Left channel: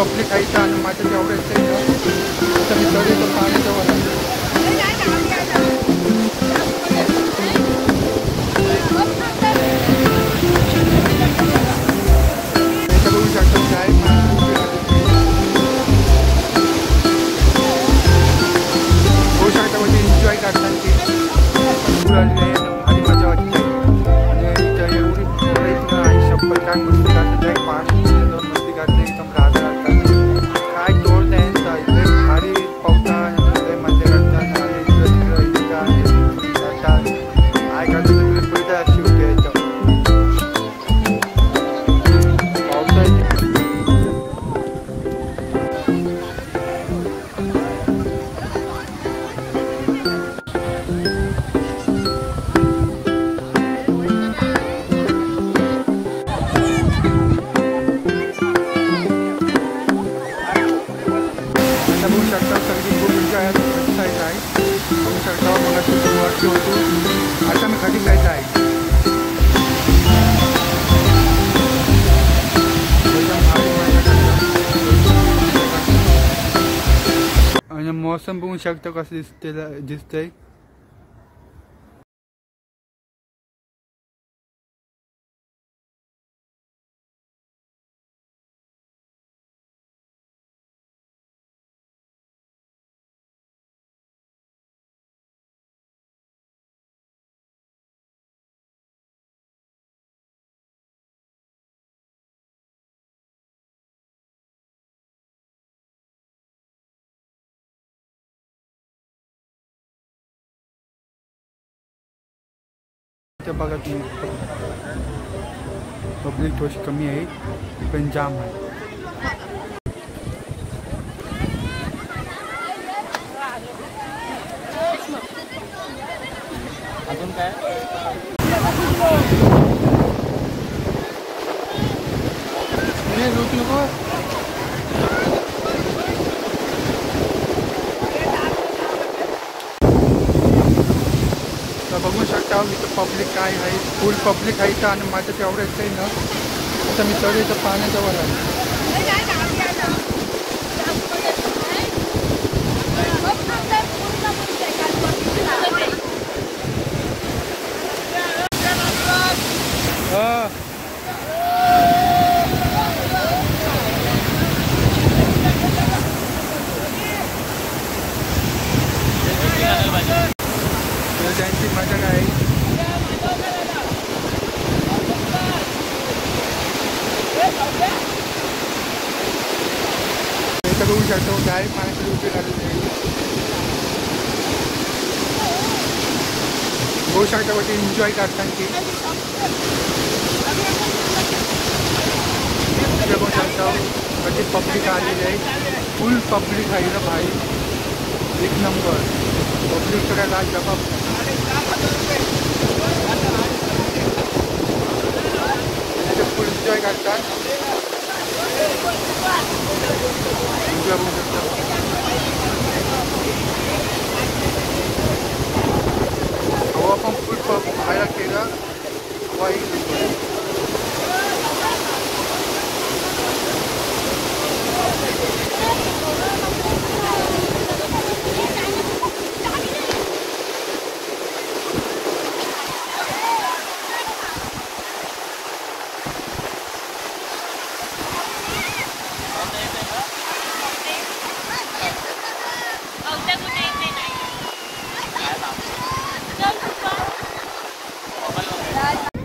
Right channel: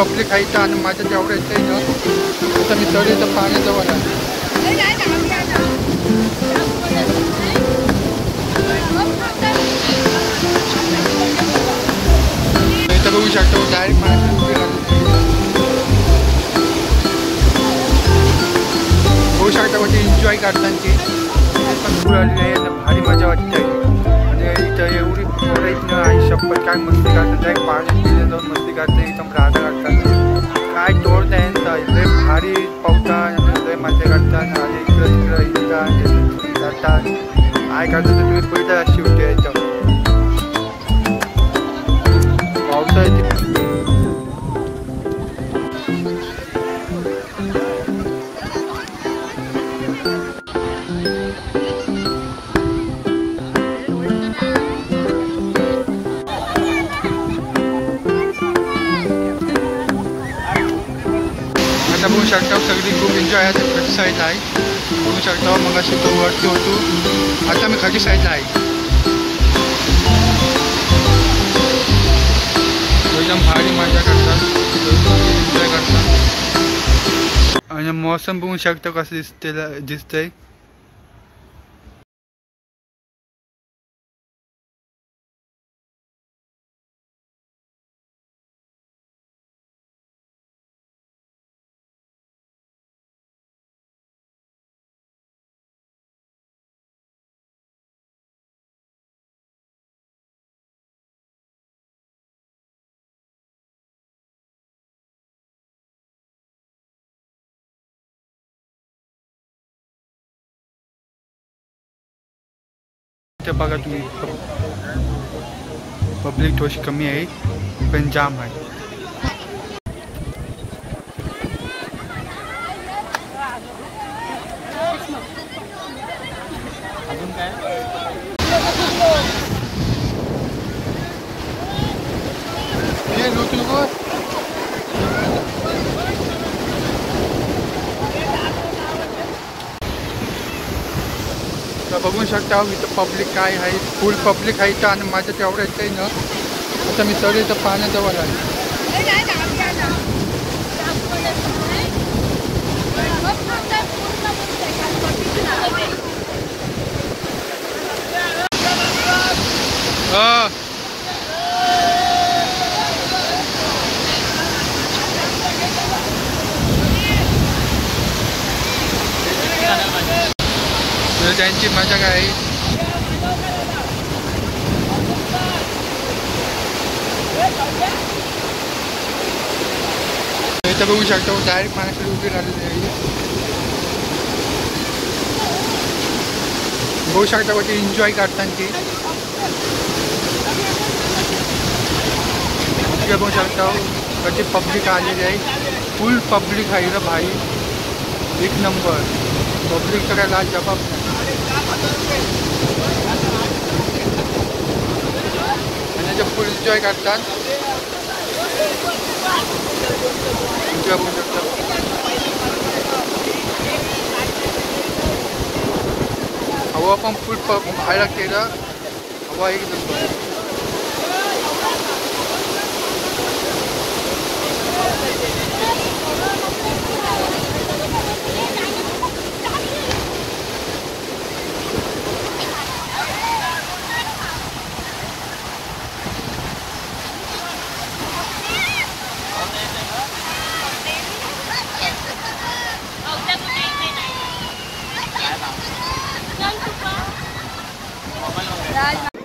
Public आहे इथं आणि माझ्या जेवढं येतं इथं तर मी तर इथं पाण्याजवळ आहे. इथं बघू शकतो डायरेक्ट पाण्यात उभी राहिली. बघू शकता म्हणजे एन्जॉय करताना ती पण फुल आलेली आहे आणि भारी मजा वाटते. आणि इथं एवढी पोरं इथनं आई शपथ काय मस्ती करतात आहे. पाण्यात जाऊन मस्ती करते एकदम राधा करतात. काय तोड नाही लय भारी पावतात आणि लय मजा करतात आणि इकडं तिकडं येतात जातात. काय करतात तुम्ही बघितलं अशी होते इथं पावसाळ्यात. आता बघू शकता सगळी खूप एन्जॉय आहे. खाली साईडला आहे बघू शकता. मग अशी वरती होतो आता मी खाली साईडला आहे. एकदम भारी मजा करतात एन्जॉय करतात. आणि मौसम बघू शकता कसं दिसतंय. इथे बघा तुम्ही पब्लिक थोडी कमी आहे पण जाम आहे. अजून काय तर बघू शकता इथं पब्लिक काय आहे. फुल पब्लिक आहे इथं आणि माझ्या तेवढं येतं ना आता मी तर इथं पाण्याजवळ आहे. त्यांची मजा काय आहे. इथं बघू शकतो डायरेक्ट पाण्याखाली उभी राहिलेली आहे. बघू शकता म्हणजे एन्जॉय करताना ती बघू शकता कधी पब्लिक आलेली आहे. फुल पब्लिक आहे ना भाई एक नंबर. पब्लिकचं काय लाज जबाब नाही. आणि ते फुल एन्जॉय करतात. एन्जॉय बघू शकता. हवा पण फुल बाहेर केलं हवा एक नंबर.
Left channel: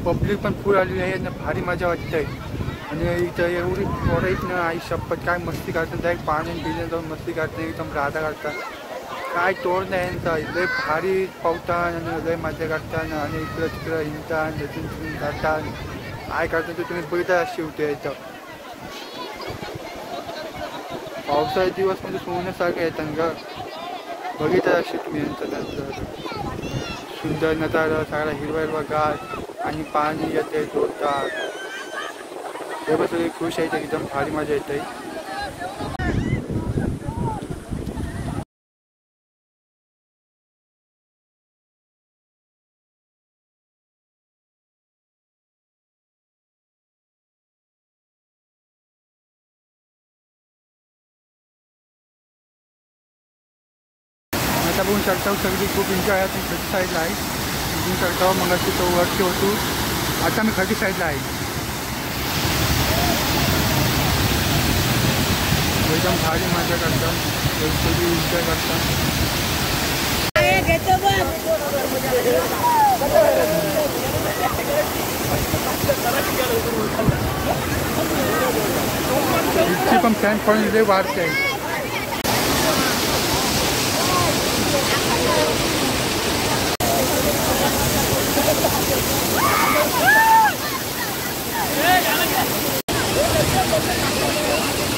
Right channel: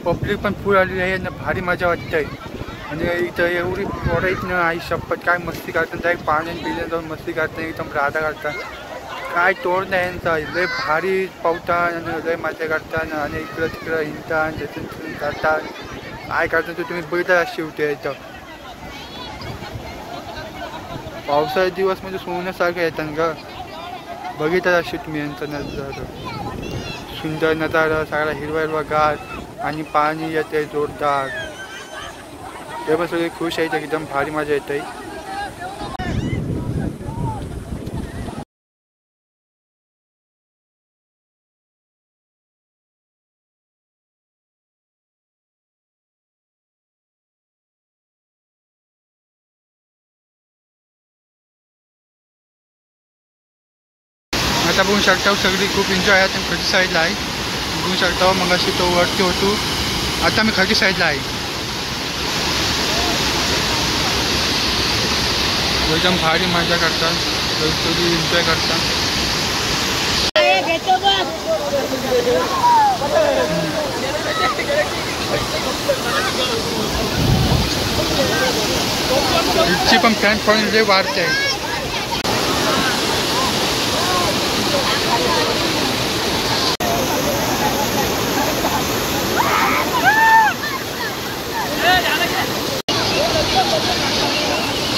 पब्लिक पण फुल आलेली आहे आणि भारी मजा वाटते. आणि इथं एवढी पोरं इथनं आई शपथ काय मस्ती करतात आहे. पाण्यात बिण्यात जाऊन मस्ती करतात एकदम राधा करतात. काय तोड नाही यांचा लय भारी पावतात आणि लय मजा करतात आणि इकडं तिकडं हिंडतात तिथून जातात. काय करतात तुम्ही बघितलं अशी होते इथं पावसाळे दिवस म्हणजे सोन्यासारखं येतात ग. बघितलं अशी तुम्ही यांचा नजारा सुंदर नजारा सगळा हिरवा हिरवा गार आणि पाणी येते जोरदार. ते पण सगळे खुश आहेत एकदम भारी मजा येते. आता बघू शकता सगळी खूप एन्जॉय आहे. आणि खडकी साईडला आहे बघू शकता. मग अशी तो वरती होतो. आता मी खडकी साईडला आहे. एकदम भारी मजा करतात. सगळी एन्जॉय करतात. इथची पण फॅन फॉलोइंग लय वाढते आहे.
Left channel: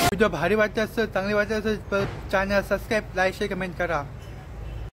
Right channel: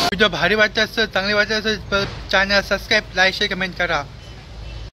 व्हिडिओ भारी वाटत असतं, चांगली वाटत असेल तर channel subscribe, like, share, comment करा.